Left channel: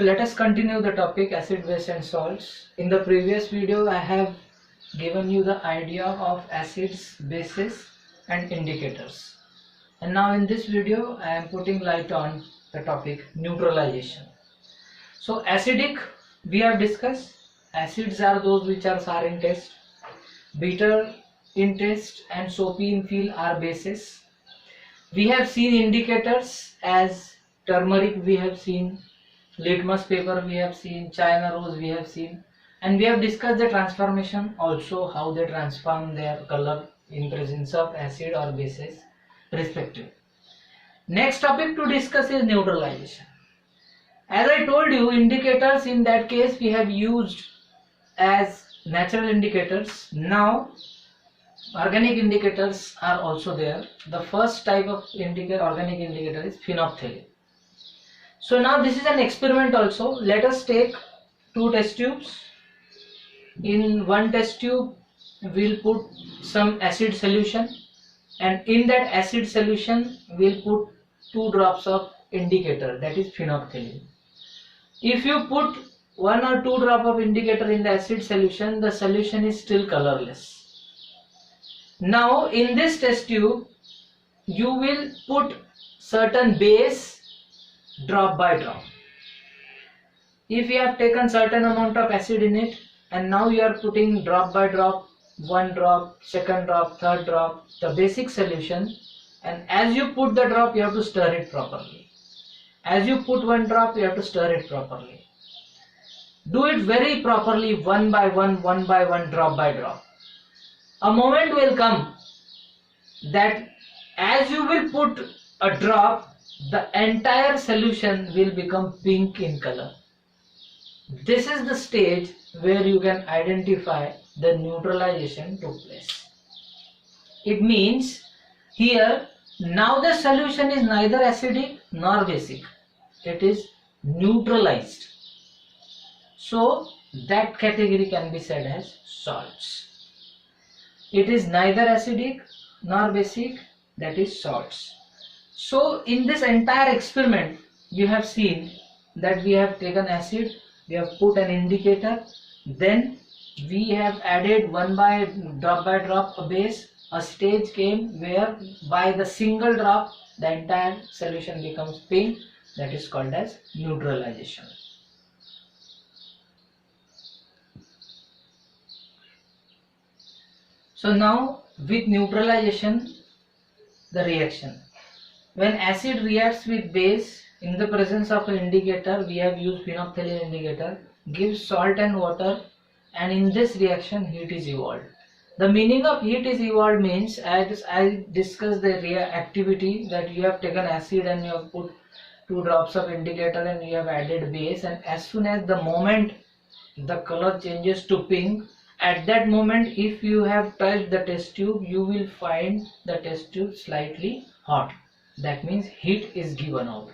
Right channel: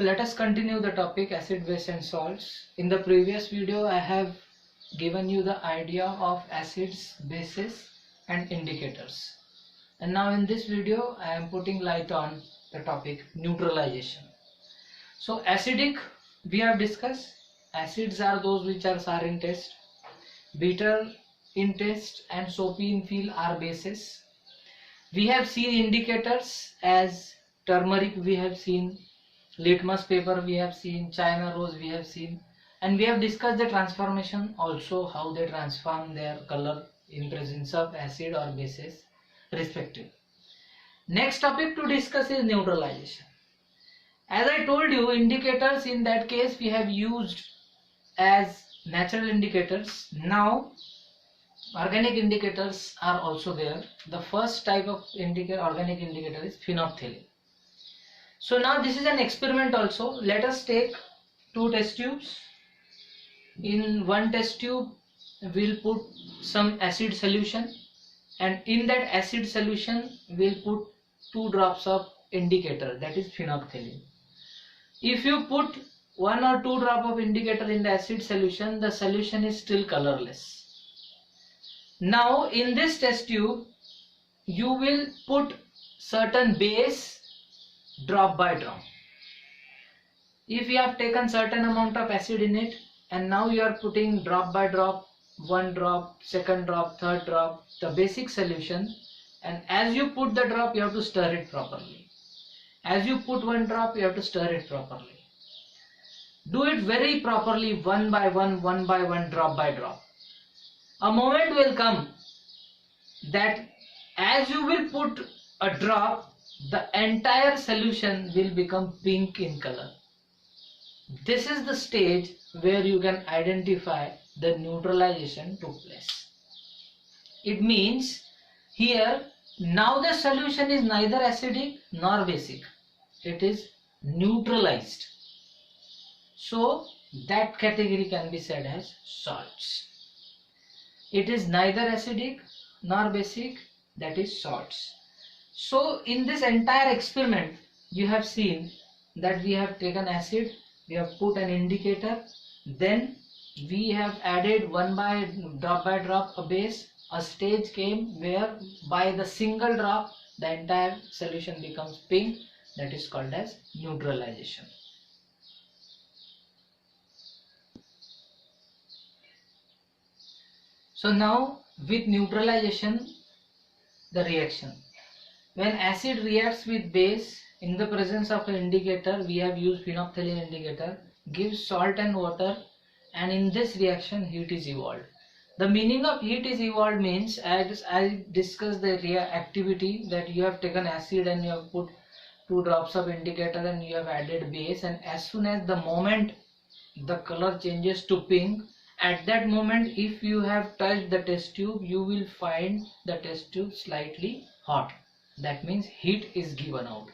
So let us continue the topic acid, base and salts. In the previous video I have given you the idea of acids, bases and indicators. And now in this video I am putting light on the topic neutralization. So acidic we have discussed. Acids are those which are sour in taste, bitter in taste and soapy in feel are bases. We have seen indicators as turmeric, we have seen litmus paper, we have seen China rose, we have seen, and we have discussed the transformation also, how they transform their color in presence of acid or bases respective. Next topic to discuss is neutralization. As I told you, indicators in that case we have used as natural indicators. Now organic indicators are also there. The first type of organic indicator is phenolphthalein. So now this is an experiment also. Let us take two test tubes. In one test tube we'll put some acid solution, and in that acid solution we'll put 2 drops of indicator, that is phenolphthalein. If you put 1 or 2 drop of indicator in the acid solution, the solution is still colorless. Now in this test tube you will put certain base drop by drop. If you have taken certain amount of acid in it and now you are putting drop by drop, 1 drop, second drop, third drop, the basic solution, and as you put the drop you have to stir it properly. As you put 1 drop you have to stir it properly. Do it very properly, one by one, drop by drop. A moment will come that as you will put a drop, the entire solution will become pink in color. This is the stage where you can identify the neutralization took place. It means here now the solution is neither acidic nor basic. It is neutralized. So that category can be said as salts. It is neither acidic nor basic, that is salts. So in this entire experiment you have seen that we have taken acid, we have put an indicator, then we have added drop by drop a base. A stage came where by the single drop the entire solution becomes pink, that is called as neutralization. So now with neutralization, the reaction. When acid reacts with base in the presence of an indicator, we have used phenolphthalein indicator, gives salt and water, and in this reaction heat is evolved. The meaning of heat is evolved means, as I discussed the activity, that you have taken acid and you have put 2 drops of indicator and you have added base, and as soon as the moment the color changes to pink, at that moment if you have touched the test tube you will find the test tube slightly hot. That means heat is given out.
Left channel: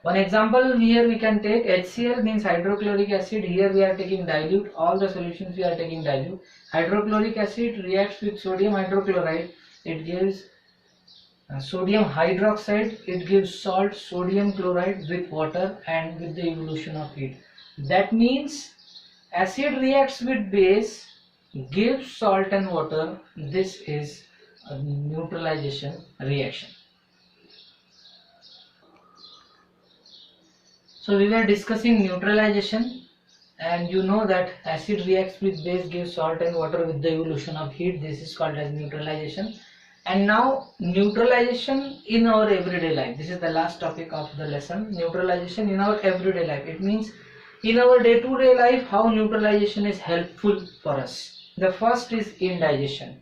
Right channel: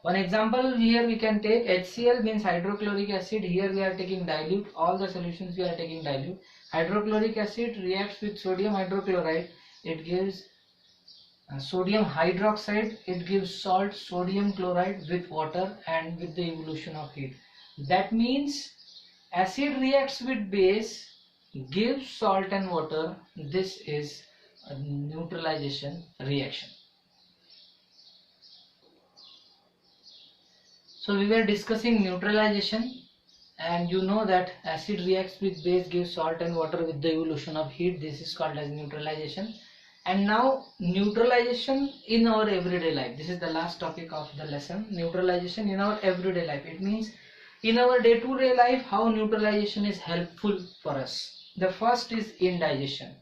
One example here we can take HCl, means hydrochloric acid. Here we are taking dilute, all the solutions we are taking dilute. Hydrochloric acid reacts with sodium hydrochloride, it gives sodium hydroxide, it gives salt, sodium chloride with water and with the evolution of heat. That means acid reacts with base, gives salt and water. This is a neutralization reaction. So we were discussing neutralization, and you know that acid reacts with base, gives salt and water with the evolution of heat. This is called as neutralization. And now neutralization in our everyday life. This is the last topic of the lesson. Neutralization in our everyday life. It means in our day-to-day life how neutralization is helpful for us. The first is indigestion.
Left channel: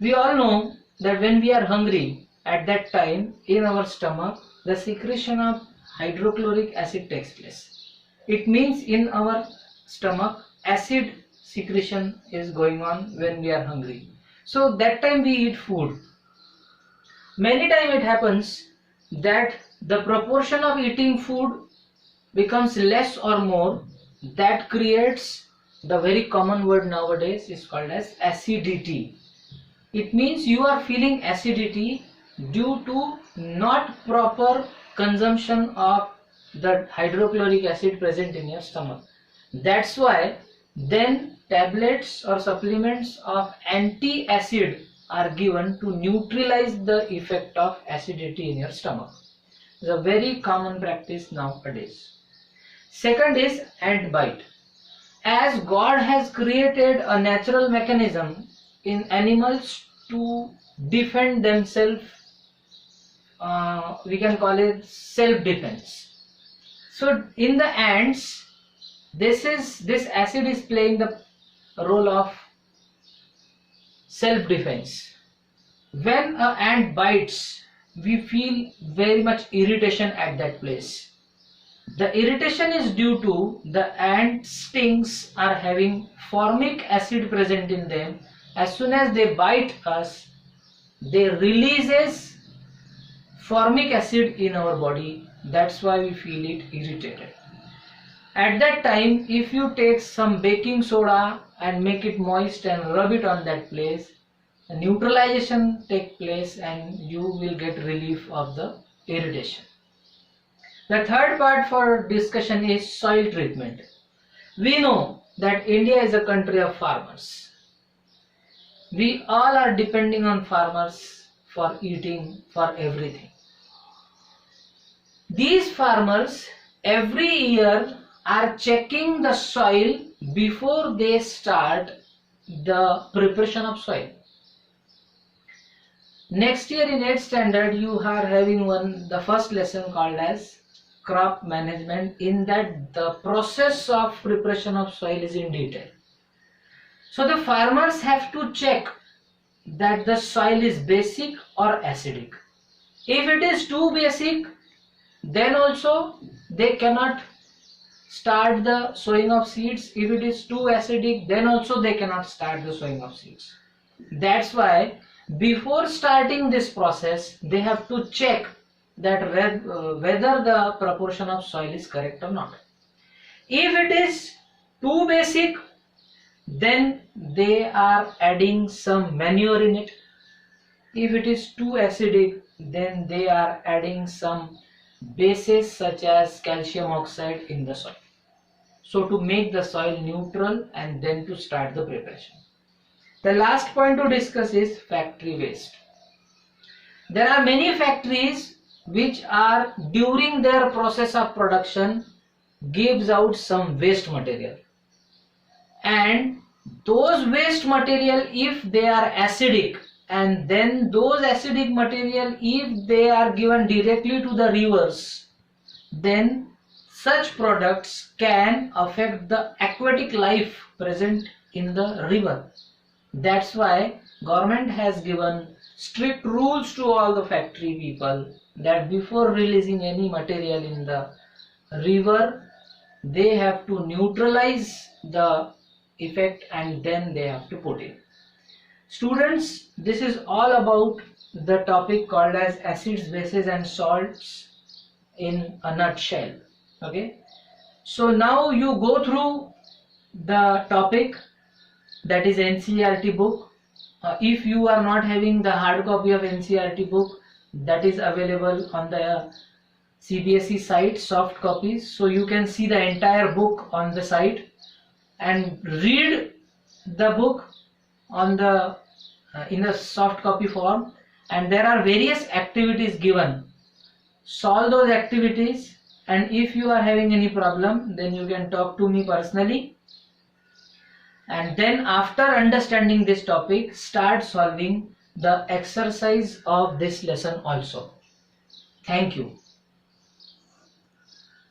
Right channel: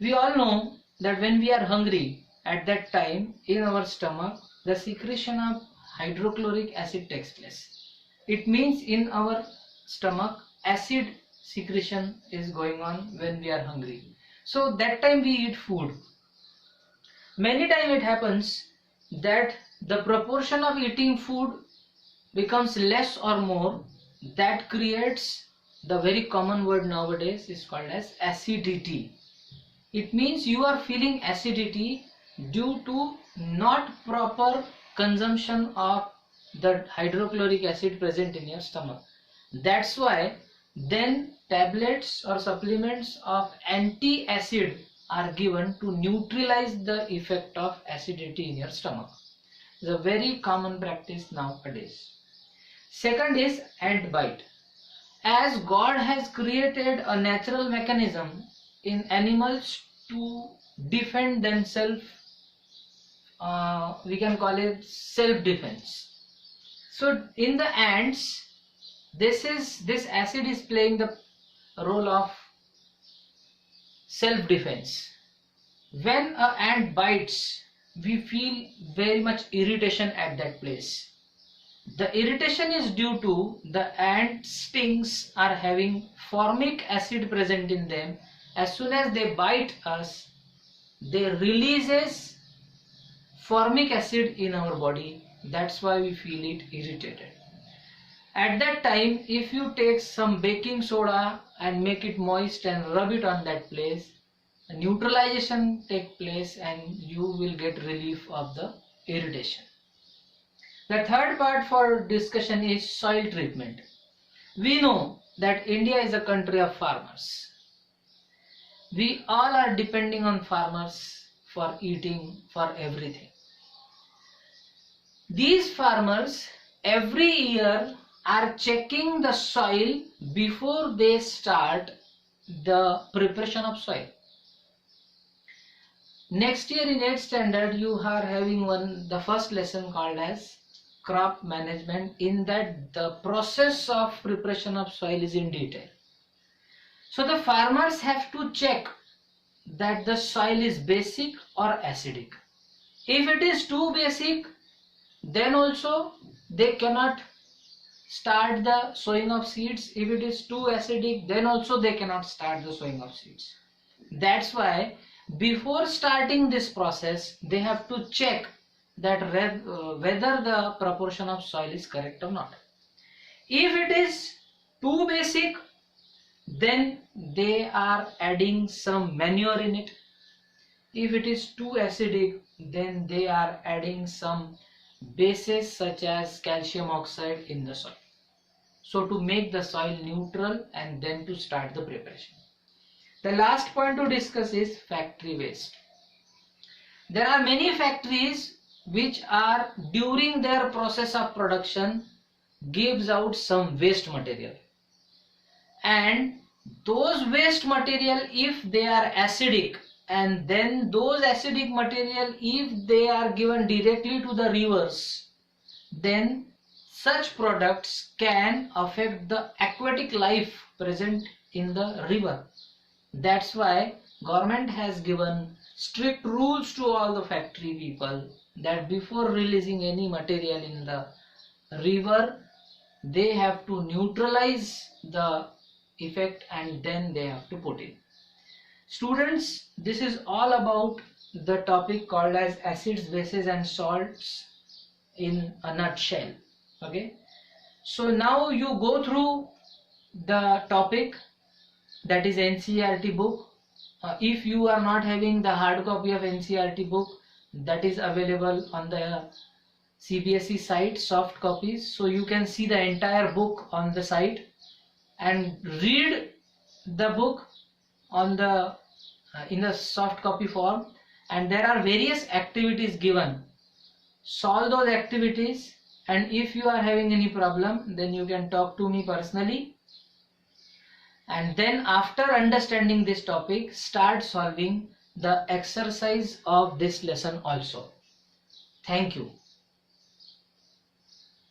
We all know that when we are hungry, at that time in our stomach the secretion of hydrochloric acid takes place. It means in our stomach acid secretion is going on when we are hungry. So that time we eat food. Many times it happens that the proportion of eating food becomes less or more. That creates the very common word nowadays is called as acidity. It means you are feeling acidity due to not proper consumption of the hydrochloric acid present in your stomach. That's why then tablets or supplements of anti-acid are given to neutralize the effect of acidity in your stomach. It's a very common practice nowadays. Second is ant bite. As God has created a natural mechanism in animals to defend themselves, we can call it self-defense. So in the ants, this acid is playing the role of self-defense. When an ant bites, we feel very much irritation at that place. The irritation is due to the ant stings are having formic acid present in them. As soon as they bite us, they releases formic acid in our body. That's why we feel it irritated. At that time, if you take some baking soda and make it moist and rub it on that place, the neutralization takes place and you will get relief of the irritation. The third part for discussion is soil treatment. We know that India is a country of farmers. We all are depending on farmers for eating, for everything. These farmers every year are checking the soil before they start the preparation of soil. Next year in 8th standard you are having the first lesson called as crop management. In that the process of preparation of soil is in detail. So the farmers have to check that the soil is basic or acidic. If it is too basic, then also they cannot start the sowing of seeds. If it is too acidic, then also they cannot start the sowing of seeds. That's why before starting this process, they have to check that whether the proportion of soil is correct or not. If it is too basic, then they are adding some manure in it. If it is too acidic, then they are adding some bases such as calcium oxide in the soil. So to make the soil neutral and then to start the preparation. The last point to discuss is factory waste. There are many factories which are during their process of production gives out some waste material, and those waste material, if they are acidic, and then those acidic material if they are given directly to the rivers, then such products can affect the aquatic life present in the river. That's why government has given strict rules to all the factory people that before releasing any material in the river, they have to neutralize the effect and then they have to put in. Students, this is all about the topic called as acids, bases and salts in a nutshell. Okay, so now you go through the topic, that is NCERT book. If you are not having the hard copy of NCERT book, that is available on the CBSE site, soft copies, so you can see the entire book on the site and read the book on the in a soft copy form, and there are various activities given. Solve those activities, and if you are having any problem, then you can talk to me personally, and then after understanding this topic, start solving the exercise of this lesson also. Thank you.